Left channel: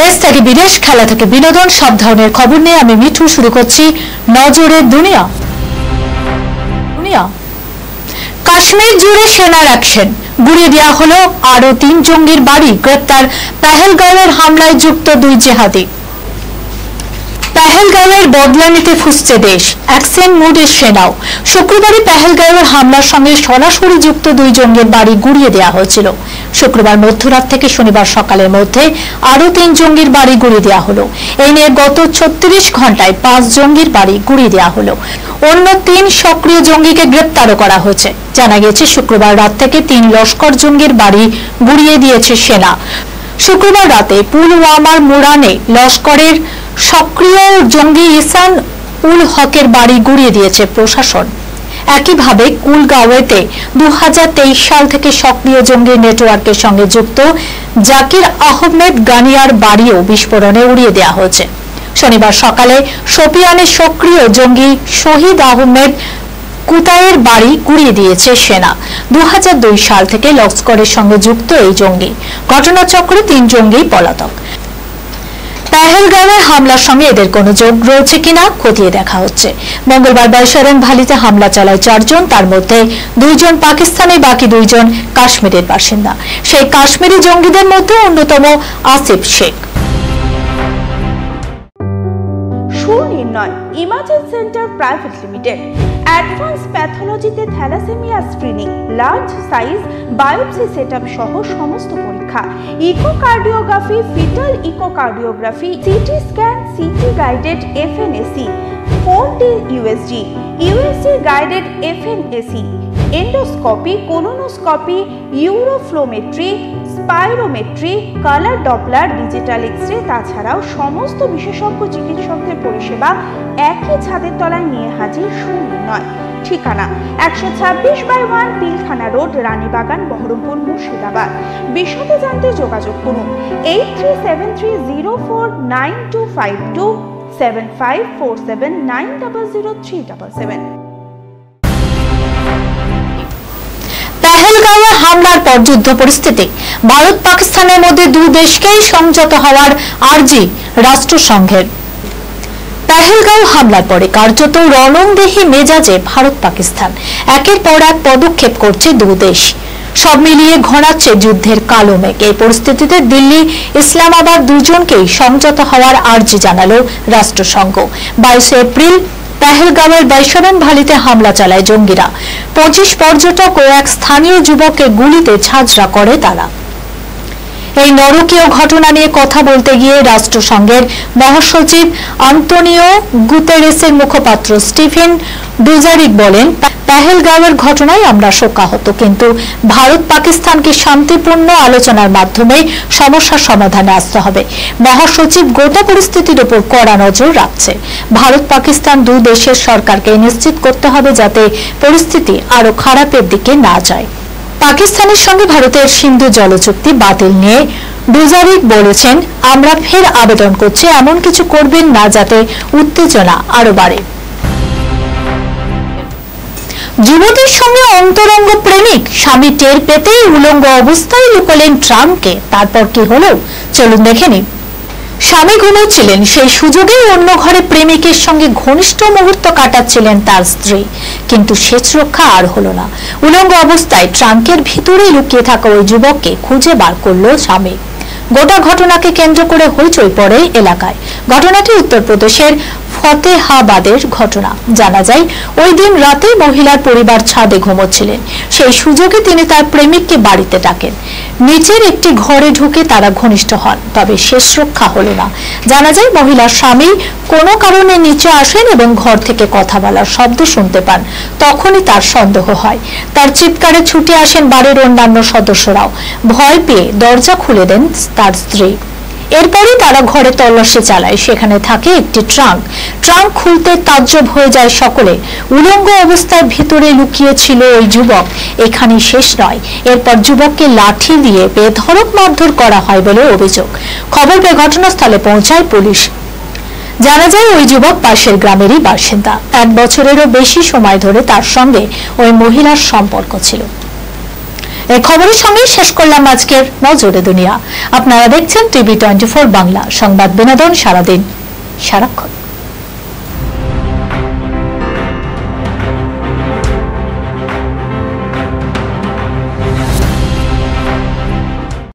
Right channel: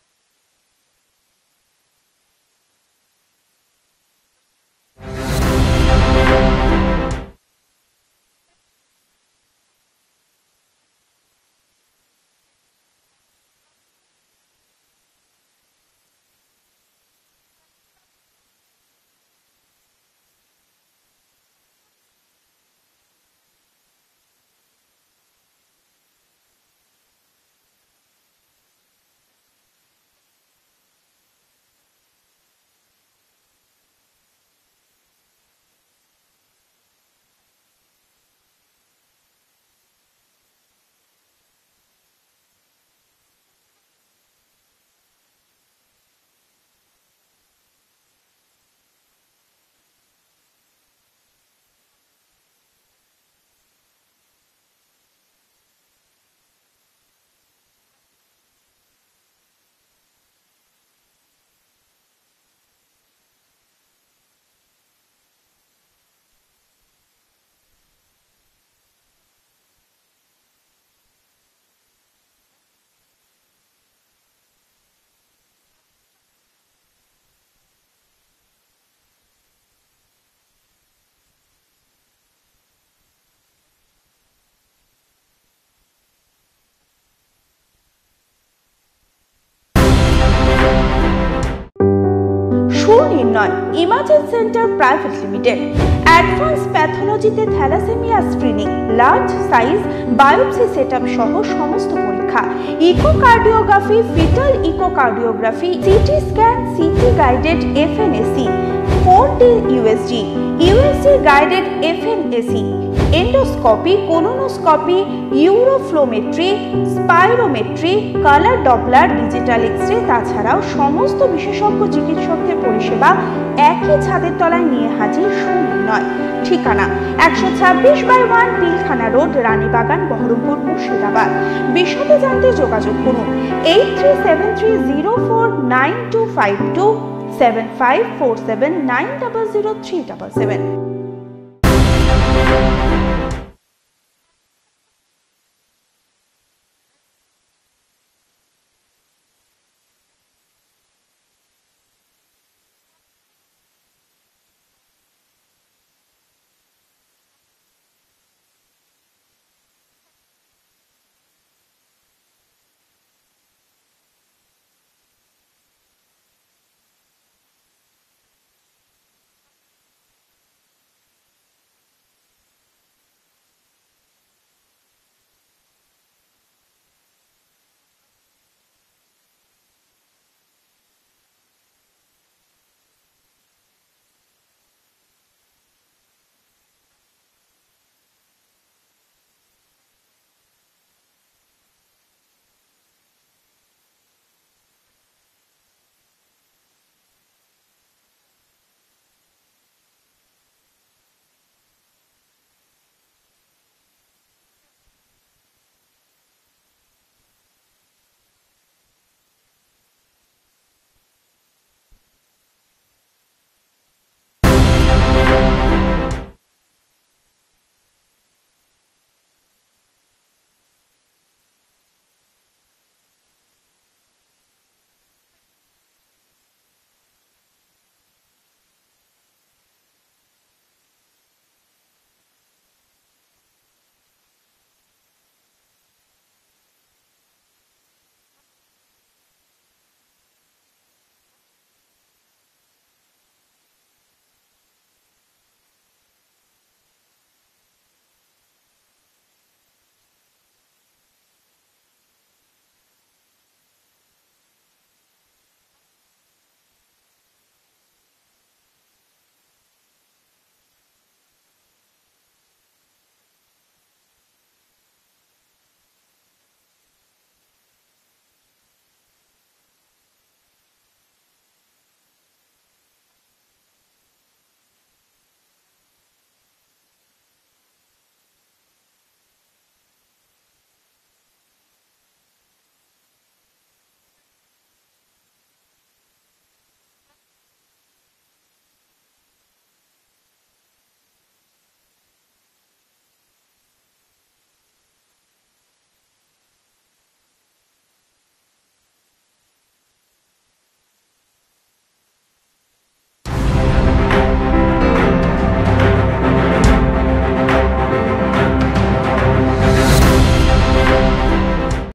দেশ থেকে বিদেশ, খেলা থেকে বিনোদন, সব ধরনের খবর নিয়ে আমি মিঠু শুরু করছি নজরের দুনিয়া। কাশ্মীর জুড়ে সেনার অ্যাকশন, গুড়িয়ে দেওয়া হলো আরো 3 জঙ্গির বাড়ি, গ্রেপ্তার পেহেলগাঁওয়ের হামলায় যুক্ত 2 জেহাদি। পেহেলগাঁওয়ের বদলা নিতে ফুসছে দেশ, অ্যাকশন মুডে সেনাও। শুক্রবারই পেহেলগাঁওয়ের হামলার সঙ্গে সরাসরি যুক্ত 2 জঙ্গির বাড়ি গুড়িয়ে দেওয়া হয়েছিল। শুক্রবার মধ্যরাত থেকে শনিবার সকালের মধ্যে আরো 3 জঙ্গির বাড়ি গুড়িয়ে দেওয়া হলো। এই নিয়ে গত 36 ঘন্টায় 5 জঙ্গির বাড়ি গুড়িয়ে দেওয়া হলো। অন্য 3 সক্রিয় জঙ্গিকে গ্রেপ্তারও করা হয়েছে। জানা গেছে শুক্রবার রাত থেকে 3 লস্কর জঙ্গির বাড়ি গুড়িয়ে দিয়েছে সেনা। শুক্রবার রাতে পুলওয়ামার মুরানে লস্করের সক্রিয় জঙ্গি ইসান উল হকের বাড়ি গুড়িয়ে দিয়েছে প্রশাসন। একইভাবে কুলগাঁওয়েতে 2023 সাল থেকে সক্রিয় জঙ্গি নেটওয়ার্কের সঙ্গে যুক্ত জাকির আহমেদ গানিয়ার বাড়িও বিস্ফোরণে উড়িয়ে দেওয়া হয়েছে। শনিবার সকালে শোপিয়ানে সক্রিয় জঙ্গি শহীদ আহমেদ কুতায়ের বাড়ি গুড়িয়ে দিয়েছে সেনা। 2002 সাল থেকে লস্করের সঙ্গে যুক্ত এই জঙ্গি। ঘটনাচক্রে 3 জঙ্গি পলাতক। পেহেলগাঁওয়ে হামলার সঙ্গে এদের কোনো যোগ রয়েছে কিনা খতিয়ে দেখা হচ্ছে। মঙ্গলবার বাইশারণ ভ্যালিতে হামলা চালায় 4 জন, তার মধ্যে 2 জন পাকিস্তানি, বাকি 2 জন কাশ্মীরের বাসিন্দা। সেই কাশ্মীরি জঙ্গিদের মধ্যে অন্যতম Asif Sheikh. Sunirnoy imagine centre private limited advance প্যাথোলজিতে thalassaemia screening, large size biopsy setup সহ সমস্ত পরীক্ষা, echocardiography, fetal echocardiography, CT scan, CT guided FNAC, 4D USG, USG guided FNAC, endoscopy, colonoscopy, uroflowmetry, spirometry, colour doppler, digital X-ray, তাছাড়াও সমস্ত বিশেষজ্ঞ চিকিৎসকদের পরিষেবা একই ছাদের তলায় নিয়ে হাজির সুনির্ণয়। ঠিকানা 126/1 পিলখানা রোড, রানীবাগান, বহরমপুর, মুর্শিদাবাদ। বিশদে জানতে যোগাযোগ করুন 8373049252 7547900377। পেহেলগাঁওয়ে হামলার পর যুদ্ধ পরিস্থিতি, ভারত পাকিস্তানের মধ্যে 2 দেশকেই সংযত হওয়ার আর্জি রাষ্ট্রসংঘের। পেহেলগাঁও হামলার পরে কার্যত রণংদেহী মেজাজে ভারত পাকিস্তান একের পর এক পদক্ষেপ করছে 2 দেশ। সব মিলিয়ে ঘনাচ্ছে যুদ্ধের কালো মেঘ। এই পরিস্থিতিতে দিল্লি, ইসলামাবাদ দুজনকেই সংযত হওয়ার আর্জি জানালো রাষ্ট্রসংঘ। 22 এপ্রিল পেহেলগাঁওয়ের বাইশারণ ভ্যালিতে হামলা চালায় জঙ্গিরা। 25 পর্যটক ও এক স্থানীয় যুবককে গুলিতে ঝাঁঝরা করে তারা। এই নরকীয় ঘটনা নিয়ে কথা বলতে গিয়ে রাষ্ট্রসংঘের মহাসচিব আন্তোনিও গুতেরেসের মুখপাত্র স্টিফেন ডুজারিক বলেন, পেহেলগাঁওয়ের ঘটনায় আমরা শোকাহত, কিন্তু ভারত পাকিস্তানকে শান্তিপূর্ণ আলোচনার মাধ্যমে সমস্যার সমাধানে আসতে হবে। মহাসচিব গোটা পরিস্থিতির উপর কড়া নজর রাখছে। ভারত পাকিস্তান 2 দেশের সরকারকে নিশ্চিত করতে হবে যাতে পরিস্থিতি আরো খারাপের দিকে না যায়। পাকিস্তানের সঙ্গে ভারতের সিন্ধু জল চুক্তি বাতিল নিয়ে ডুজারিক বলেছেন, আমরা ফের আবেদন করছি এমন কিছু করবেন না যাতে উত্তেজনা আরো বাড়ে। যুবতীর সঙ্গে অন্তরঙ্গ প্রেমিক, স্বামী টের পেতেই উলঙ্গ অবস্থায় লুকালেন ট্রাম্পকে। তারপর কি হলো চলুন দেখে নিন। স্বামী ঘুমোচ্ছিলেন, সেই সুযোগেই অন্য ঘরে প্রেমিকের সঙ্গে ঘনিষ্ঠ মুহূর্ত কাটাচ্ছিলেন তার স্ত্রী, কিন্তু শেষ রক্ষা আর হলো না। উলঙ্গ অবস্থায় ট্রাঙ্কের ভিতরে লুকিয়ে থাকা ওই যুবককে খুঁজে বার করলো স্বামী। গোটা ঘটনাকে কেন্দ্র করে হইচই পড়ে এলাকায়। ঘটনাটি উত্তরপ্রদেশের ফতেহাবাদের ঘটনা। জানা যায় ওই দিন রাতে মহিলার পরিবার ছাদে ঘুমোচ্ছিলেন। সেই সুযোগে তিনি তার প্রেমিককে বাড়িতে ডাকেন। নিচের একটি ঘরে ঢুকে তারা ঘনিষ্ঠ হন, তবে শেষ রক্ষা হলো না। জানা যায় মহিলার স্বামী কোনো কারণে নিচে আসেন এবং ঘর থেকে কথা বলার শব্দ শুনতে পান। তখনই তার সন্দেহ হয়। তার চিৎকারে ছুটে আসেন বাড়ির অন্যান্য সদস্যরাও। ভয় পেয়ে দরজা খুলে দেন তার স্ত্রী। এরপরই তারা ঘরে তল্লাশি চালায়। সেখানে থাকে একটি ট্রাঙ্ক। ট্রাঙ্ক খুলতে তাজ্জব হয়ে যায় সকলে। উলঙ্গ অবস্থায় ভিতরে লুকিয়ে ছিল ওই যুবক। এখানেই শেষ নয়, এরপর যুবককে লাঠি দিয়ে বেধড়ক মারধর করা হয় বলে অভিযোগ। খবর পেয়ে ঘটনাস্থলে পৌঁছায় পুলিশ। জানা যায় ওই যুবক পাশের গ্রামেরই বাসিন্দা। 1 বছরেরও বেশি সময় ধরে তার সঙ্গে ওই মহিলার সম্পর্ক ছিল। এই খবরের সঙ্গে শেষ করলাম আজকের নজরে দুনিয়া। আপনারা দেখছেন টিভি 24 বাংলা, সংবাদ বিনোদন সারাদিন সারাক্ষণ।